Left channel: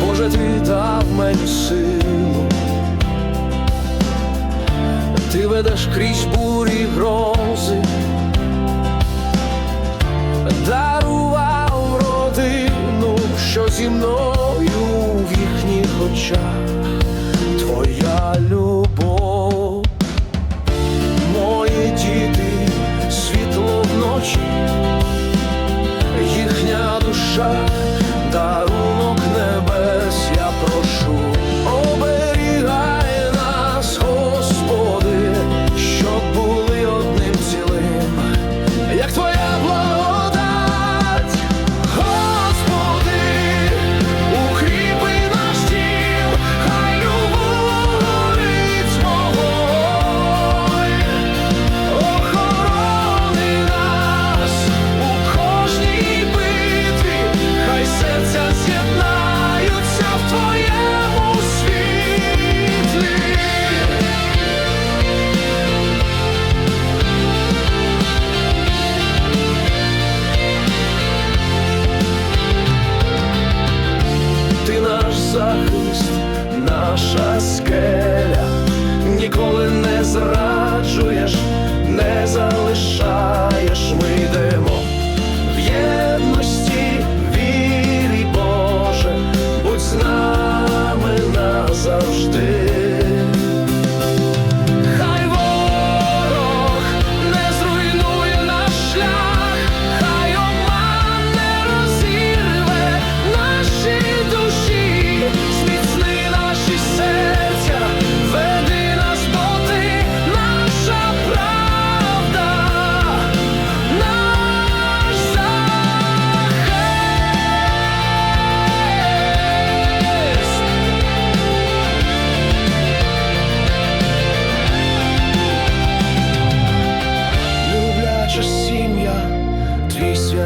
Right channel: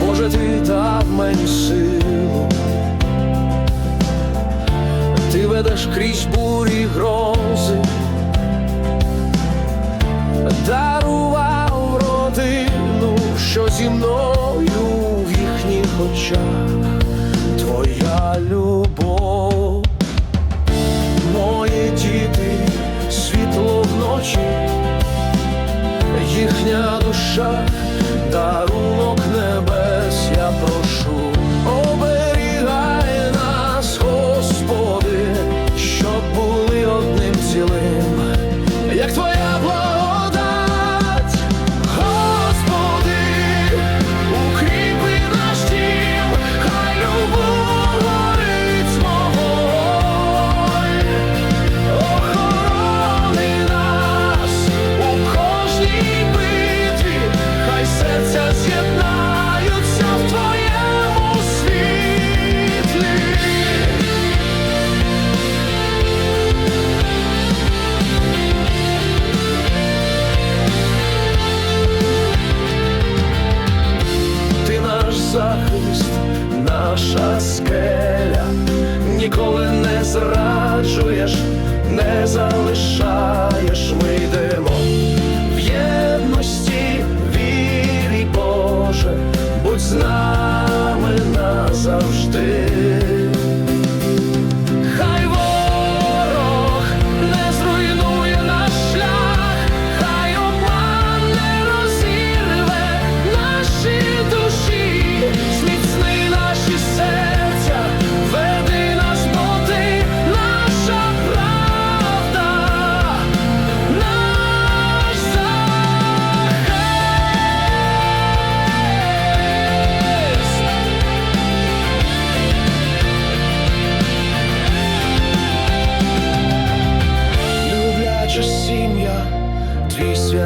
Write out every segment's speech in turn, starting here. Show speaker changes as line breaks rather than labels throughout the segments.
Боже, ти дав мені силу, ти ведеш крізь бурі грози, дарував родину, що зі мною в їхніх очах твоя любов, мої діти, світло вночі. Їхня душа, дарунок небес, я прошу, наша скеля, ніколи не зраджуєш, не залишаєш, ми йдемо в єдності, вірі, Боже, будь з нами назавжди.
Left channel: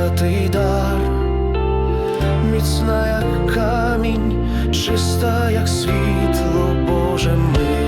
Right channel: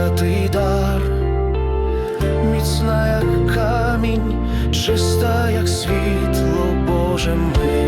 Святий дар, міцна, як камінь, чиста, як світло, Боже ми